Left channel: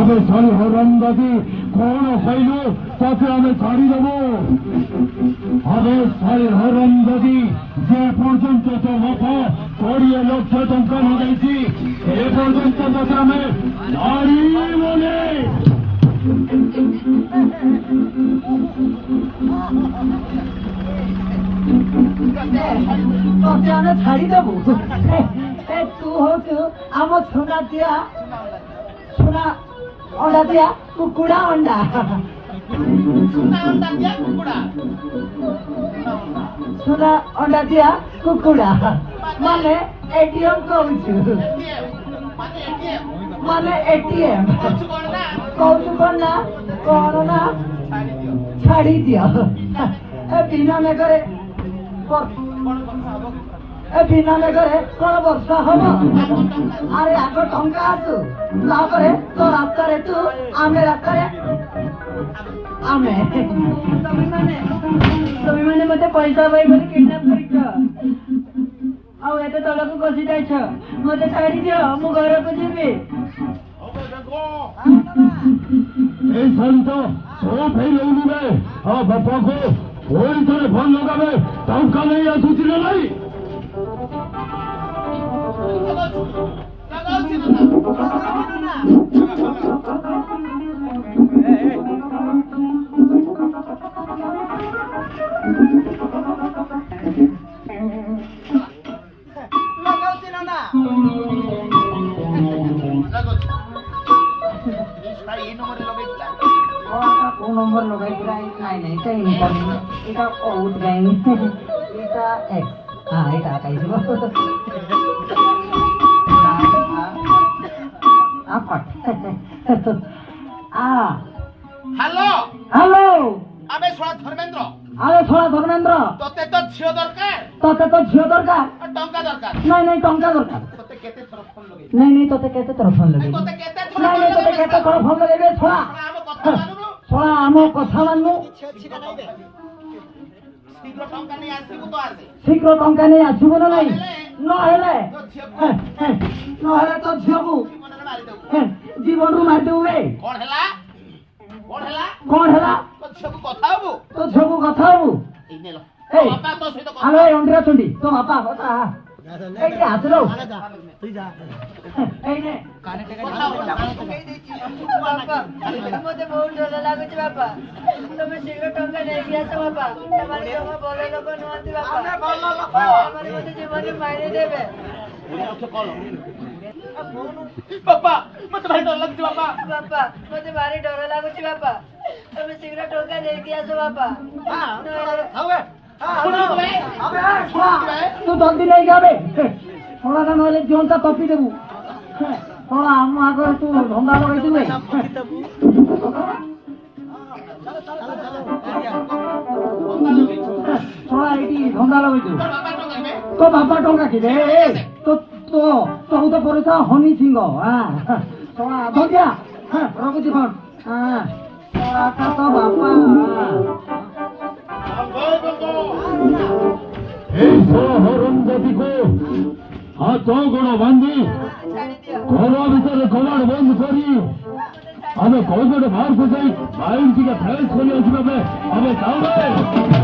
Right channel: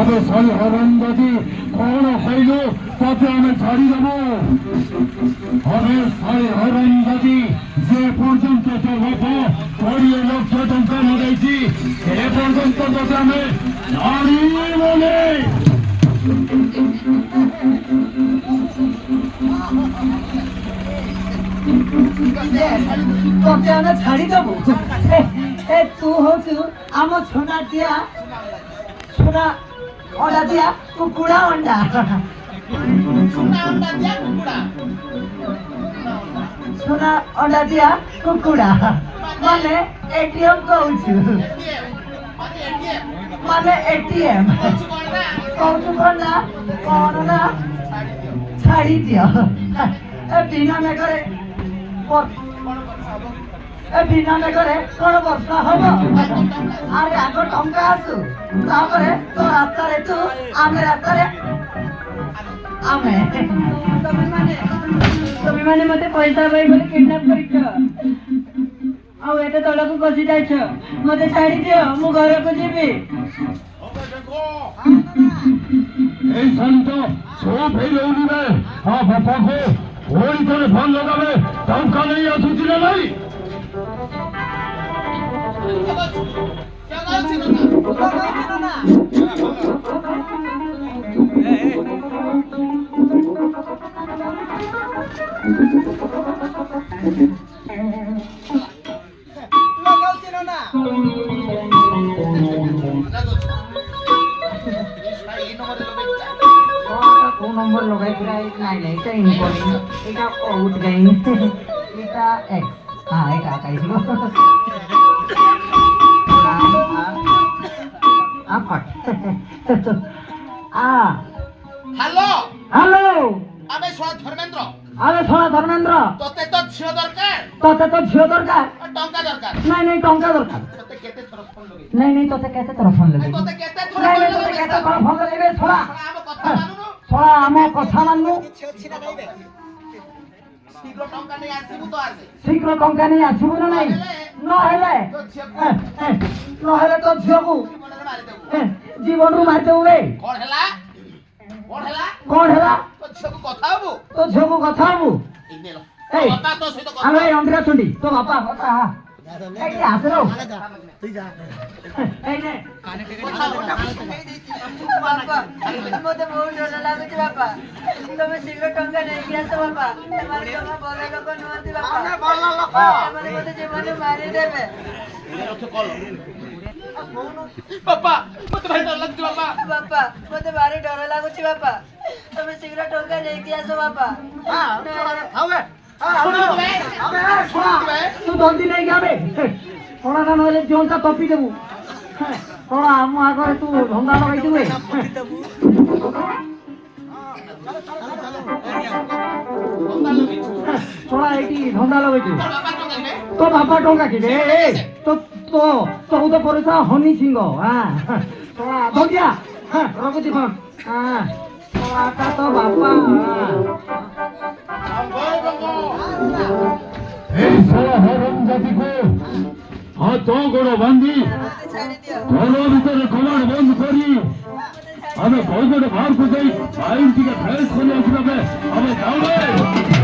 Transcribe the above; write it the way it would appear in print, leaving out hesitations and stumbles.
अबे सारी हरंदाजी कौन खाइलो ताते आमे छाड़ी देबो अबे सारी हरंदाजी जे पर्यंत तो बापा 20 लक्ष टंका मगाइছি ए पर्यंत तो आमे नारी बोले तो छाड़ी देबो ए तू हो तू आम छोना दिया छोना अंडा दिया कुकुड़ा अंडा छोना अंडा दिया कुकुड़ा छोना अंडा दिया कुकुड़ा माने एटीएम कहूछु माने एटीएम कहूछु कोना छाड़ी दियो ए बिना में करे बिना में करे कोन वर्षा हबो अरे आगो टंका आसु तापरे तो रास्ता रे तू आमे रास्ता रे आमे তুমি মানে মতে পয়সা পাই বলে কিডন্যাপ করিছ ଆଉ ଏତେ ତଳକୁ ଖସି ଯାଇଛ ମତେ ଛାଡି ଦିଅ ମୁଁ ଘରକୁ ଯିବି ए संत सो फेलौनी में हां बापा को ओई करे फोन लगावे टंका नहीं आसुची ना नहीं नंबर लगाई नहीं तो इनकमिंग এটা আউট গাইন এটা এক্স হ্যাঁ এটা কাইছো আপট हेलो हेलो आमे सोना धर्मेंद्र अरे सोना धर्मेंद्र तोते तो झियो दरकार तोते तो झियो दरकार टंका दरकार नहीं टंका दरकार तोते केते थर फोन लगे नहीं तोते केते तरफ फोन लगे तोते केते थर नहीं फोन तोते केते तरफ फोन लगे छोड़ा आमे कथा मानुनु छोड़ा आमे कथा माननु शीघ्र टंका नहीं आसीबु तो आसे शीघ्र टंका नहीं आसीबु नहीं न हेले तो झियोकु मनरे मारि देबु जीवन रू मार देबु ए कोन हैला तो झियो को कथा हबु तो झियो को कथा हबु ए नेलो ए बापा तो सहित कथा अरे अंडरा तुंडी तो बापा बता ए के आसरो तू जा ए ने कथा बोला ବାପା ମତେ ବହୁତ ଡର ଲାଗୁଛି ବାପା ତମେ ଶୀଘ୍ର ଟଙ୍କା ନେଇକି ଆସ ବାପା ସେମାନେ ଜମା ଭଲ ଲୋକ ନୁହନ୍ତି ବାପା ସେମାନେ ମତେ ଜୀବନରେ ମାରିଦେବେ बापा मते भारी डर लागछ बापा ବାପା ମତେ ଭାରି ଡର ଲାଗୁଛି ବାପା ତମେ ଶୀଘ୍ର ଟଙ୍କା ନେଇକି ଆସ ବାପା तू जल्दी नहीं जाबे थोड़ा ना मेरे जोन का टॉपी देबू थोड़ा हम आगर तू ढंगा लगाई दिबे थोड़ा एटी ढंगा लगाई दे तो बाबा टंका की दे तो तो परेसा हनी सिंह हां थोड़ा हो गया हां रख दी फोन हां का तो बाबा हरमजादी को हाथ गोड़ बांधी घर भीतर कबाड़ बंद करी हमें कौन बाहर को जाई आईन टी फाइल खोली आसबे हमें जाओ